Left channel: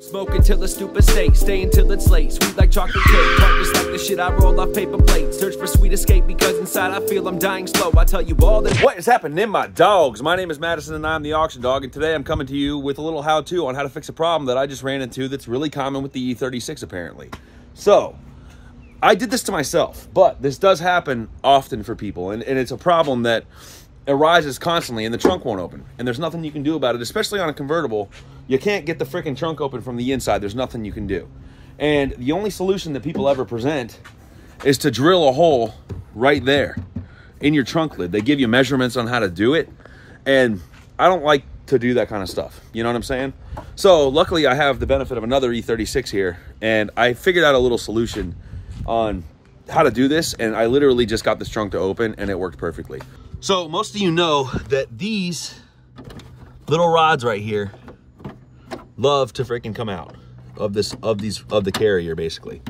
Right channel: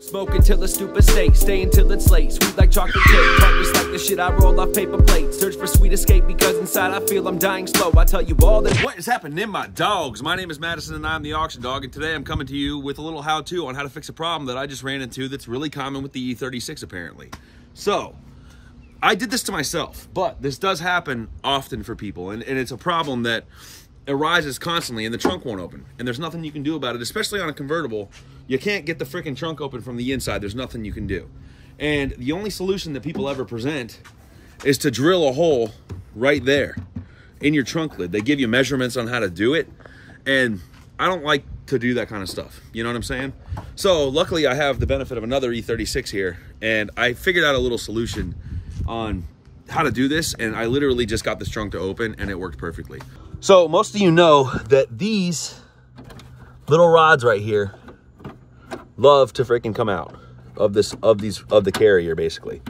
Smoke until a stupid state, stay until it's late. Sweet like chocolate cake, heart just like the shit I roll off paper plates. Search for sweet escape because inside I feel I'm dying slow. I tell you all that what is happening, my dogs. My name is Madison and I'm the Auction Dog, and today I'm coming to you with a little how-to on how to fix a problem that I just ran into that's really common with the E36 apparently. So, I did this to myself, but this does happen often for people, and it's a problem that arises constantly and the trunk won't open. And there's nothing you can do about it, especially on a convertible. You can't get the freaking trunk open from the inside. There's nothing you can do. And the only solution that people ever present is to drill a hole right there in your trunk lid. They give you measurements on how to do it. And I don't like to do that kind of stuff. You know what I'm saying? So luckily I have the benefit of another E36 here, and I figured out a little solution on how to do this. And I literally just got this trunk to open and it worked perfectly. So most of you know that these little rods right here love to freaking come out of the carrier, basically.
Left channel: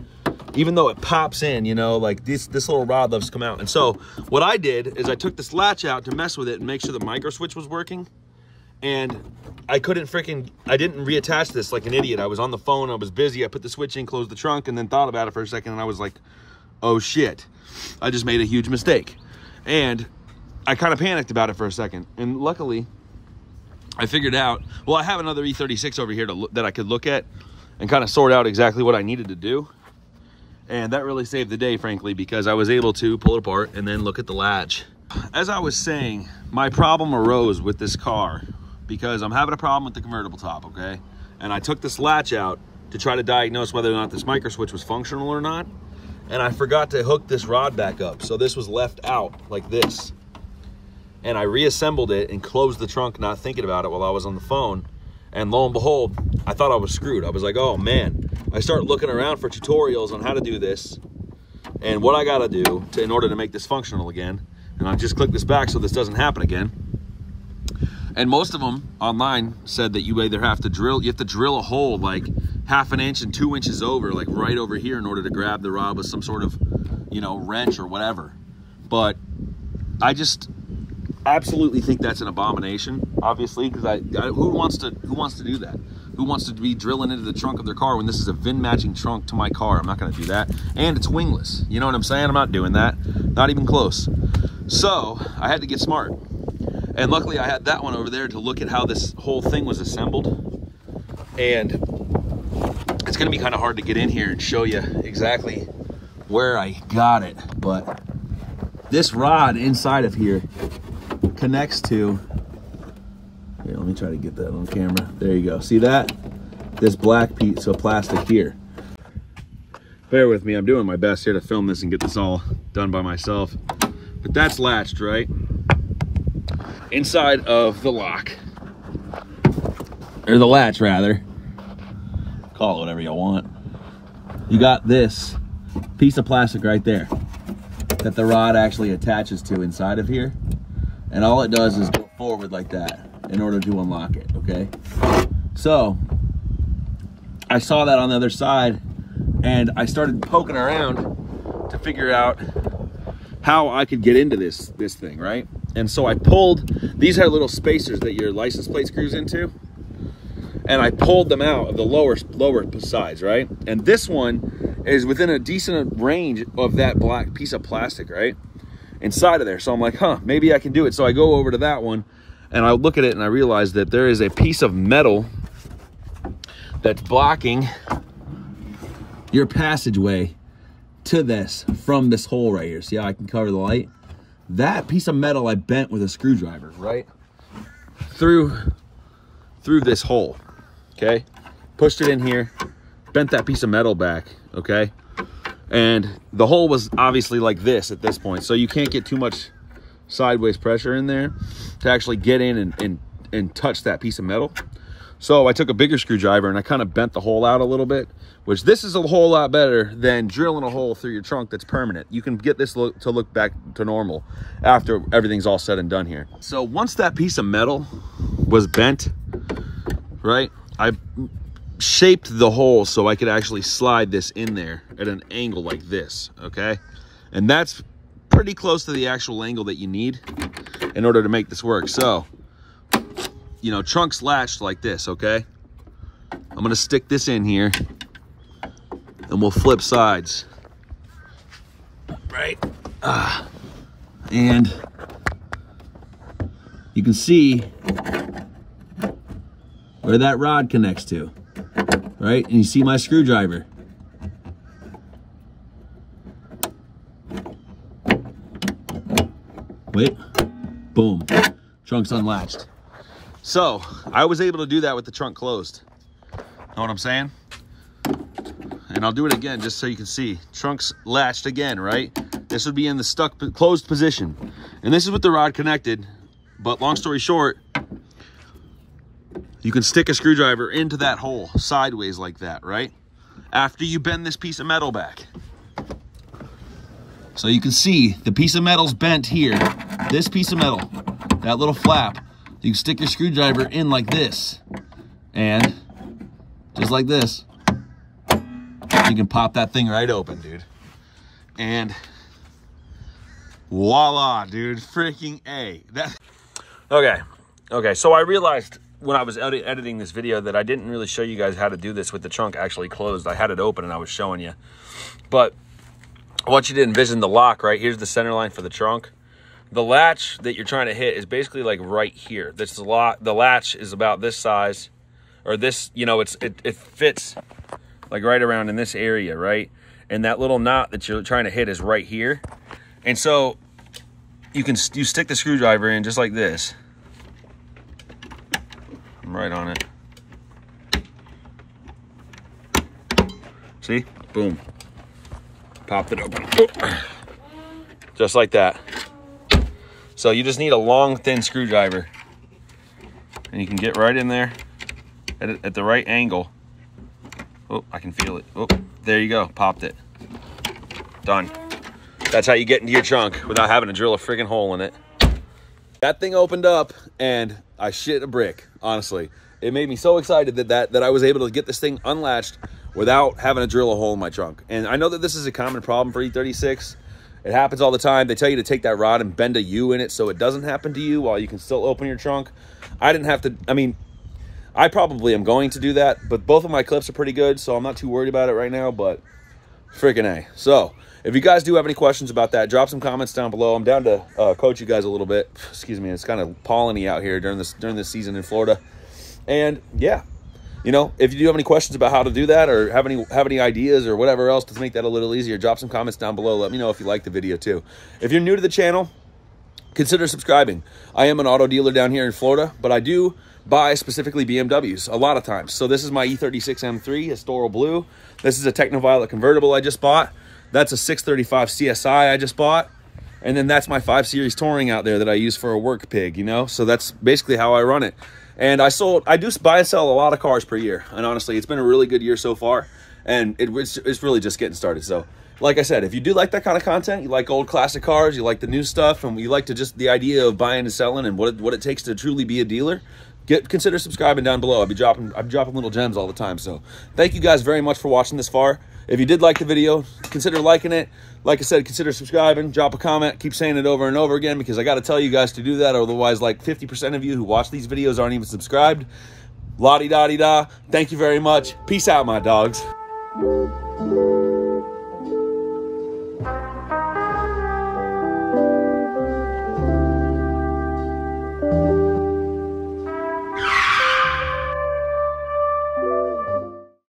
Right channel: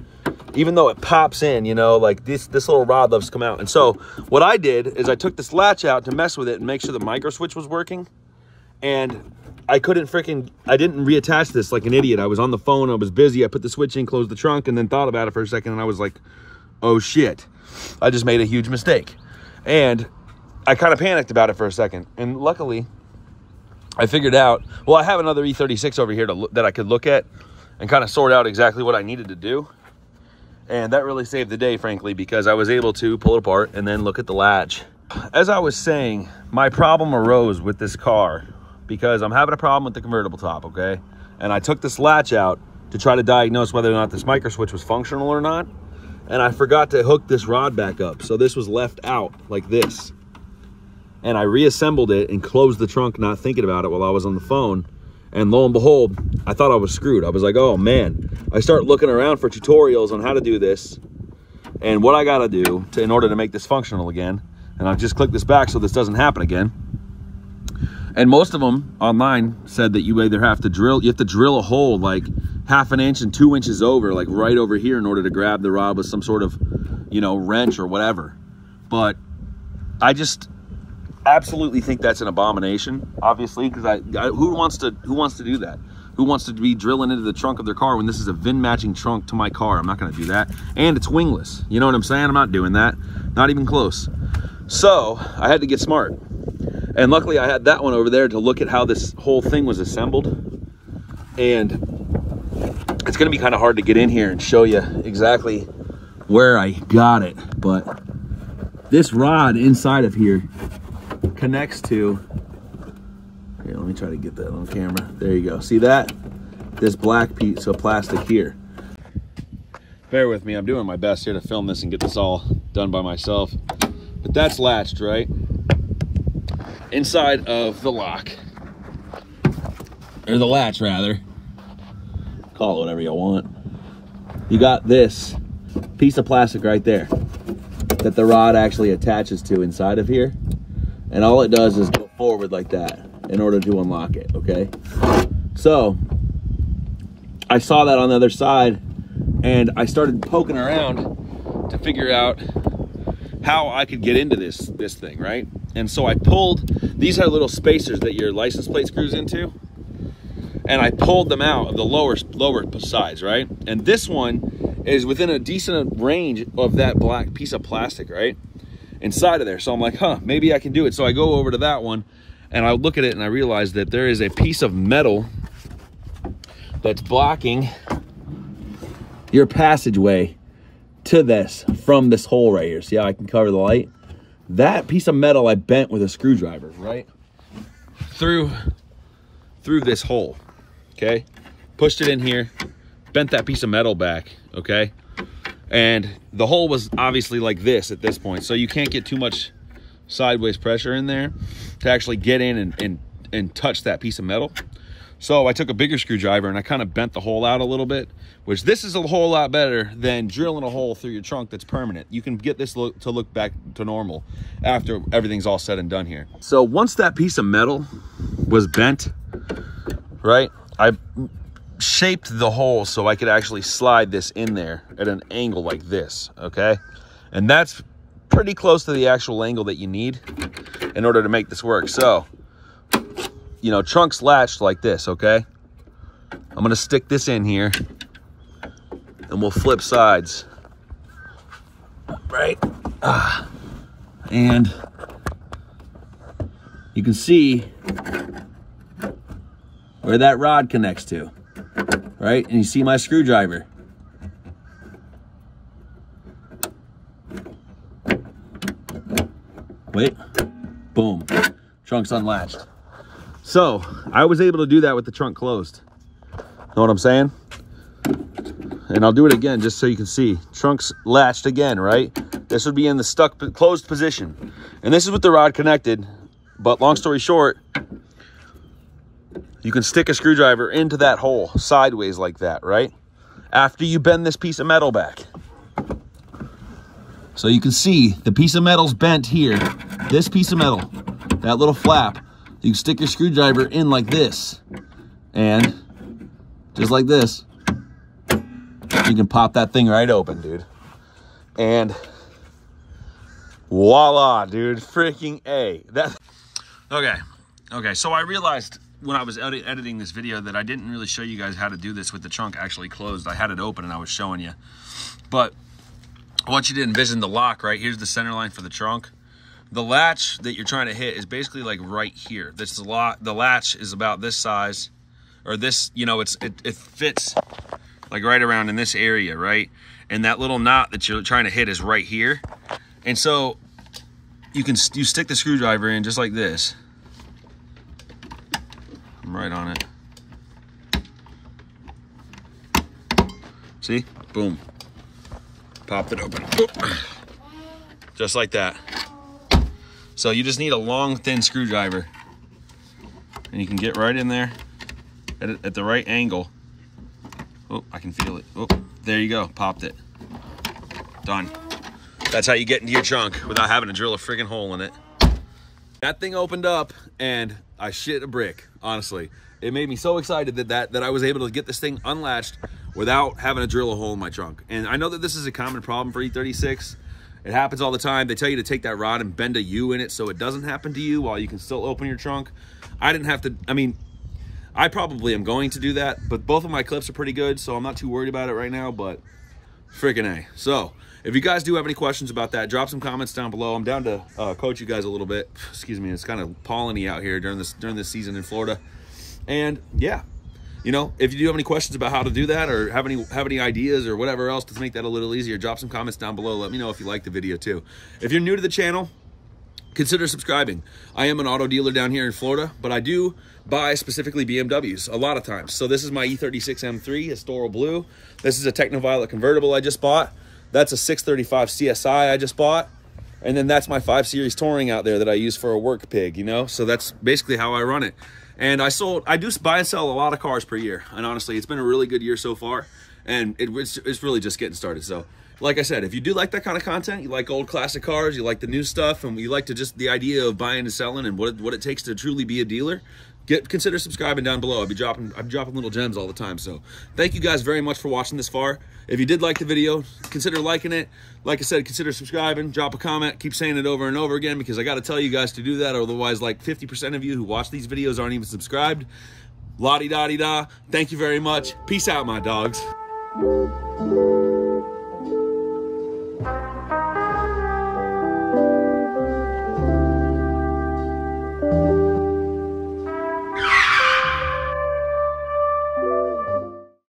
Even though it pops in, you know, like this little rod loves to come out. And so what I did is I took this latch out to mess with it and make sure the micro switch was working. And I didn't reattach this like an idiot. I was on the phone, I was busy, I put the switch in, closed the trunk, and then thought about it for a second, and I was like, oh shit, I just made a huge mistake. And I kind of panicked about it for a second, and luckily I figured out, well, I have another E36 over here that I could look at and kind of sort out exactly what I needed to do. And that really saved the day, frankly, because I was able to pull it apart and then look at the latch. As I was saying, my problem arose with this car because I'm having a problem with the convertible top, okay? And I took this latch out to try to diagnose whether or not this micro switch was functional or not. And I forgot to hook this rod back up. So this was left out like this. And I reassembled it and closed the trunk, not thinking about it while I was on the phone. And lo and behold, I thought I was screwed. I was like, oh man. I start looking around for tutorials on how to do this and what I gotta do in order to make this functional again. And I just click this back so this doesn't happen again. And most of them online said that you either have to drill a hole like 1/2 inch and 2 inches over, like right over here, in order to grab the rod with some sort of, you know, wrench or whatever. But I just absolutely think that's an abomination, obviously, because who wants to do that? Who wants to be drilling into the trunk of their car when this is a VIN matching trunk to my car? I'm not going to do that. And it's wingless. You know what I'm saying? I'm not doing that. Not even close. So I had to get smart. And luckily I had that one over there to look at how this whole thing was assembled. And it's going to be kind of hard to get in here and show you exactly where I got it. But this rod inside of here connects to, here, let me try to get that on camera. There you go. See that? This black piece of plastic here. Bear with me. I'm doing my best here to film this and get this all done by myself. But that's latched, right? Inside of the lock. Or the latch, rather. Call it whatever you want. You got this piece of plastic right there that the rod actually attaches to inside of here. And all it does is go forward like that in order to unlock it, okay? So, I saw that on the other side, and I started poking around to figure out how I could get into this thing, right? And so I pulled, these had little spacers that your license plate screws into, and I pulled them out of the lower sides, right? And this one is within a decent range of that black piece of plastic, right? Inside of there. So I'm like, huh, maybe I can do it. So I go over to that one and I look at it and I realize that there is a piece of metal that's blocking your passageway to this from this hole right here. See how I can cover the light? That piece of metal I bent with a screwdriver, right? Through this hole, okay? Pushed it in here, bent that piece of metal back, okay? And the hole was obviously like this at this point, so you can't get too much sideways pressure in there to actually get in and touch that piece of metal. So I took a bigger screwdriver and I kind of bent the hole out a little bit, which this is a whole lot better than drilling a hole through your trunk that's permanent. You can get this to look back to normal after everything's all said and done here. So once that piece of metal was bent, right, I shaped the hole so I could actually slide this in there at an angle like this, okay? And that's pretty close to the actual angle that you need in order to make this work. So, you know, trunk's latched like this, okay? I'm gonna stick this in here and we'll flip sides. Right? And you can see where that rod connects to, right? And you see my screwdriver. Wait, boom, trunk's unlatched. So I was able to do that with the trunk closed. Know what I'm saying? And I'll do it again just so you can see. Trunk's latched again, right? This would be in the closed position. And this is with the rod connected. But long story short, you can stick a screwdriver into that hole sideways like that, right? After you bend this piece of metal back. So you can see the piece of metal's bent here. This piece of metal, that little flap, you can stick your screwdriver in like this. And just like this, you can pop that thing right open, dude. And voila, dude, freaking A. Okay, so I realized when I was editing this video that I didn't really show you guys how to do this with the trunk actually closed. I had it open and I was showing you. But I want you to envision the lock, right? Here's the center line for the trunk. The latch that you're trying to hit is basically like right here. This is the latch is about this size, or this, you know, it fits like right around in this area, right? And that little knot that you're trying to hit is right here. And so you stick the screwdriver in just like this. I'm right on it. See? Boom. Popped it open. Just like that. So you just need a long, thin screwdriver. And you can get right in there at the right angle. Oh, I can feel it. Oh, there you go. Popped it. Done. That's how you get into your trunk without having to drill a friggin' hole in it. That thing opened up and I shit a brick, honestly. It made me so excited that I was able to get this thing unlatched without having to drill a hole in my trunk. And I know that this is a common problem for E36. It happens all the time. They tell you to take that rod and bend a U in it so it doesn't happen to you while you can still open your trunk. I didn't have to, I mean, I probably am going to do that, but both of my clips are pretty good, so I'm not too worried about it right now, but freaking A. So if you guys do have any questions about that, drop some comments down below. I'm down to coach you guys a little bit. Excuse me, it's kind of polleny out here during this season in Florida. And yeah, you know, if you do have any questions about how to do that or have any ideas or whatever else to make that a little easier, drop some comments down below. Let me know if you like the video too. If you're new to the channel, consider subscribing. I am an auto dealer down here in Florida, but I do buy specifically BMWs a lot of times. So this is my E36 M3 Astoral Blue. This is a Technoviolet convertible I just bought. That's a 635 CSI I just bought. And then that's my 5 Series Touring out there that I use for a work pig, you know? So that's basically how I run it. And I do buy and sell a lot of cars per year. And honestly, it's been a really good year so far. And it's really just getting started. So like I said, if you do like that kind of content, you like old classic cars, you like the new stuff, and you like to just the idea of buying and selling and what it takes to truly be a dealer, consider subscribing down below. I'm dropping little gems all the time. So thank you guys very much for watching this far. If you did like the video, consider liking it. Like I said, consider subscribing, drop a comment, keep saying it over and over again, because I got to tell you guys to do that. Otherwise, like 50% of you who watch these videos aren't even subscribed. La-di-da-di-da. Thank you very much. Peace out, my dogs.